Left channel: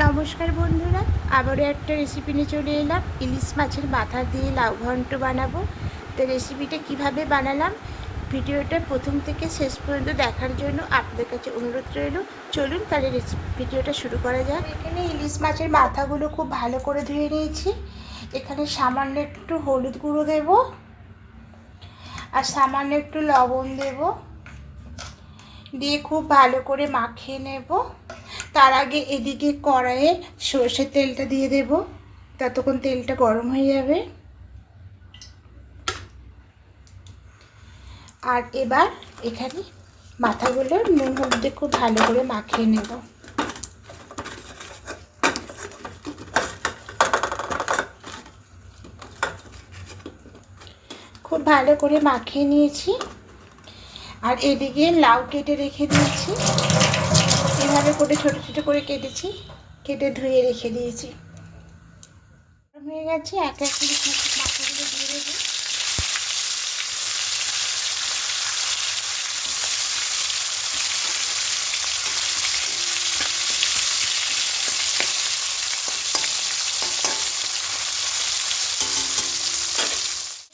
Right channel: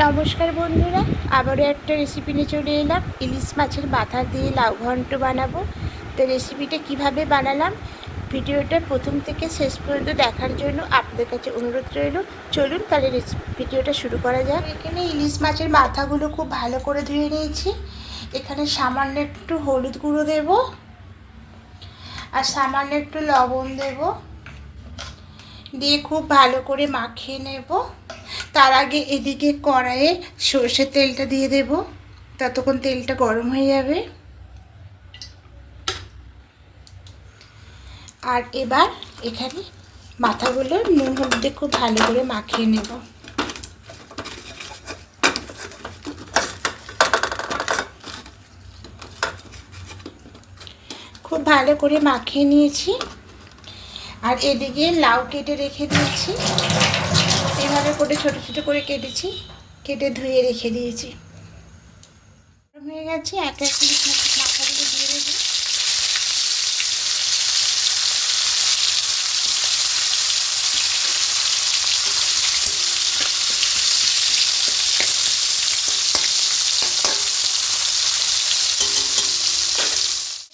নমস্কার বন্ধুরা, আবারও একটা রেসিপি নিয়ে চলে এলাম। ইলিশ মাছের মাথা দিয়ে লাউ ঘন্ট বানাবো। তো রেসিপিটা কীভাবে বানালাম, ভিডিওটা প্রথম থেকে শেষ পর্যন্ত দেখার জন্য আপনাদের কাছে অনুরোধ রইল। চলুন তাহলে ভিডিওটা শুরু করা যাক। এখানে ইলিশ মাছের মাথাগুলো খুব ভালো করে ধুয়ে নিয়েছি। এখানে সামান্য একটু হলুদ গুঁড়ো দেব আর সামান্য একটু লবণ দেব। দিয়ে খুব ভালো করে মাখিয়ে নেব। তার আগে এদিকে কড়াইয়ে সর্ষের তেলটা দিয়ে দেব। ততক্ষণ তেলটা গরম হয়ে যাবে। আর এবার এখানে মাথাগুলো নুন হলুদে খুব ভালো করে মাখিয়ে নেব। খুব ভালো করে মাখিয়ে নিয়েছি। আর এদিকে লাউ কেটে রেখে দিয়েছি। এভাবে করে ছোট ছোট করে কেটেছি, কেটে ধুয়ে রেখে দিয়েছি। হয়ে গেছে, এক এক মাথাগুলো দিয়ে দেবো।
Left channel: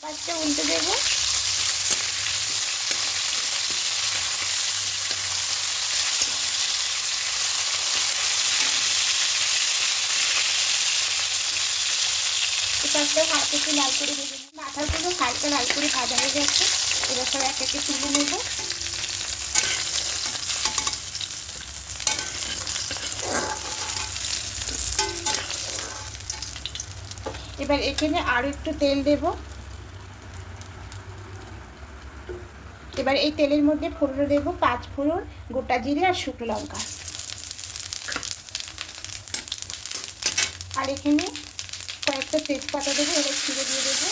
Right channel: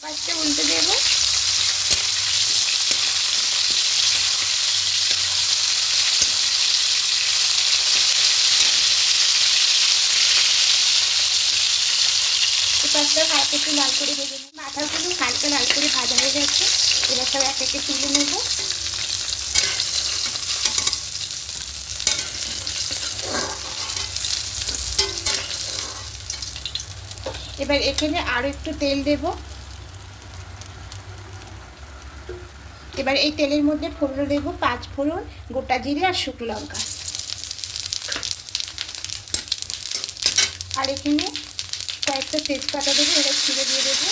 পাঁচটা উল্টে দেবো। পাঁচটা হালকা একটু লাল করে ভেজে নেব মাথাগুলো হালকা লাল করে ভাজা হয়ে গেছে। এবার সব এক একে তুলে নেব। এবার এখানে আরও একটু তেল দেব। এবার এই তেলের মধ্যে ফোড়ন দেব, পাঁচ ফোড়ন, গোটা জিরে আর শুকনো লঙ্কা। আর এখানে কয়েকটা তেজপাতা দেবো এটা ছিঁড়ে দিয়ে দেবো।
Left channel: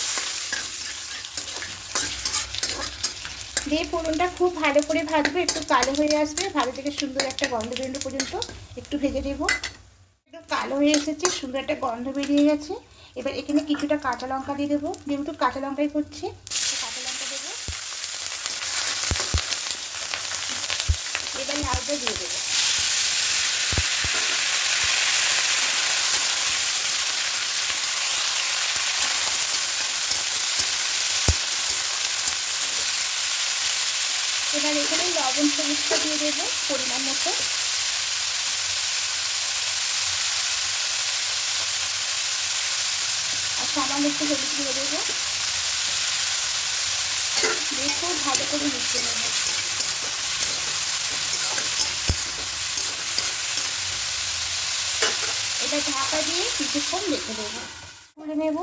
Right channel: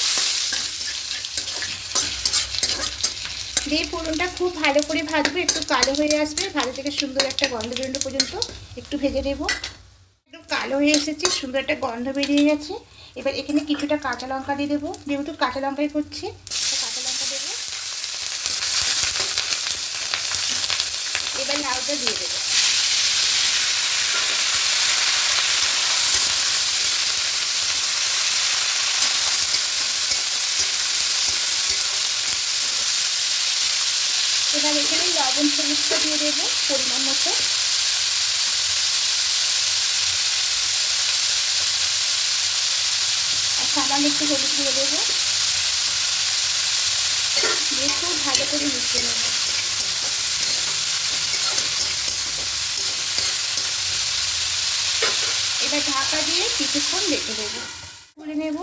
দিয়ে ফোড়নটা খুব ভালো করে ভাজবো, একটু কালো হয়ে আসবে, ভালো থেকে সুন্দর একটা গন্ধ বেরোনো পর্যন্ত একটু ভেজে নেব। একটু কালো হয়ে এসেছে, সুন্দর একটা গন্ধ বেরিয়ে গেছে। এবার এখানে কিছুটা কাঁচা লঙ্কা দিয়ে দেবো। যেহেতু কাঁচা লঙ্কাই করছে কাঁচা লঙ্কা দেবো। এবার লাউটা দিয়ে দেবো। এবার এখানে লবণ সবুজটা দিয়ে দেবো পরিমাণ মতো। আর সামান্য একটু হলুদ দিয়ে দেবো। দিয়ে খুব ভালো করে মিশিয়ে নেব। এটা ঢাকা দিয়ে কিছুক্ষণ রেখে দেবো। তুলে নেব।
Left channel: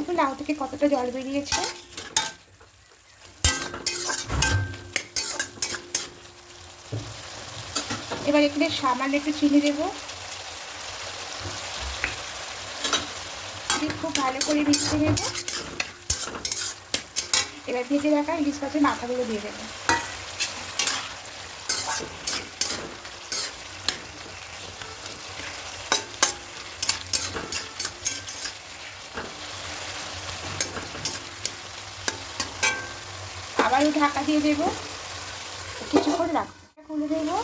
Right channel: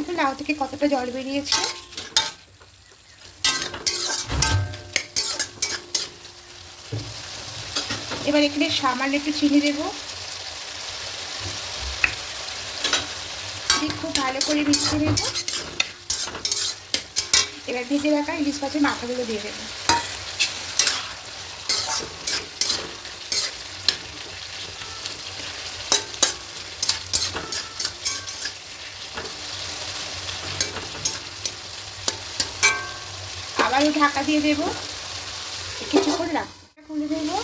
একটু লাউ থেকে কতটা জল বেরিয়েছে। এবার এখানে সামান্য একটু চিনি দেবো। খুব ভালো করে মিশিয়ে নেব। এবার ভেজে রাখা ইলিশ মাছের মাথাগুলো দিয়ে দেবো। আবারও ঢাকা দিয়ে দেবো। কিছুক্ষণ রাখব খুলে দেবো।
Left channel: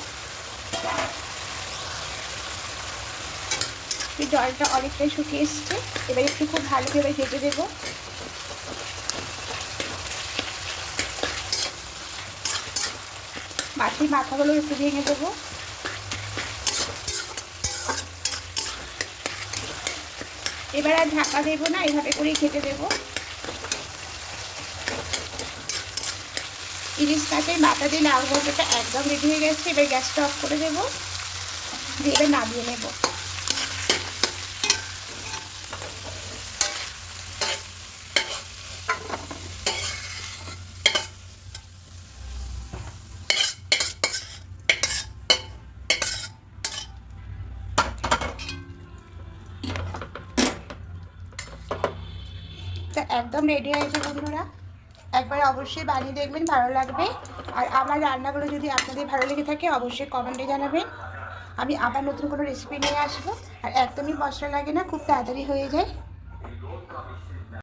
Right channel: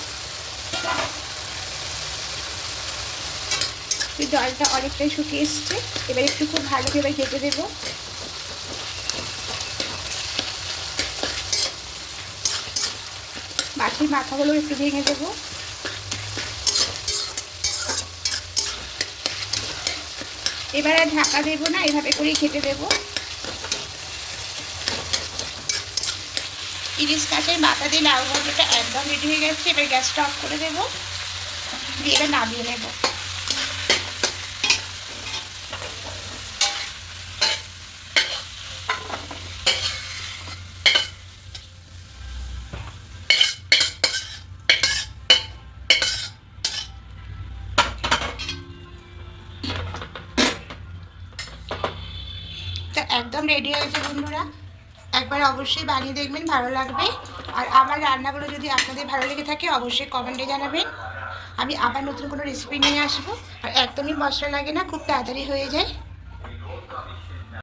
জলটা অনেকটাই শুকিয়ে এসছে। এবার একটু খুব ভালো করে ভেজে দেবো মাছের মাথাগুলো একটু ভেঙে দেবো এবার আর ঢাকা দেবো না, এভাবে করেই খেতে দেবো। ইলিশ মাছের মাথা দিয়ে লাল ঘন্টটা একদম রেডি হয়ে গেছে, এবার গ্যাসটা অফ করে দেবো। দিয়ে এবার নামিয়ে নেব। একদম রেডি হয়েছে বন্ধুরা। একবার অবশ্যই বানিয়ে দেখবেন, ভালো লাগবে। আর আমার রান্নাগুলো যদি আপনাদের ভালো লেগে থাকে, অবশ্যই কমেন্টে জানাবেন। আমি আবার নতুন কোনো রেসিপি নিয়ে আসব। আর একদমই মশলা লাগে না, খুব তাড়াতাড়ি হয়ে যায়।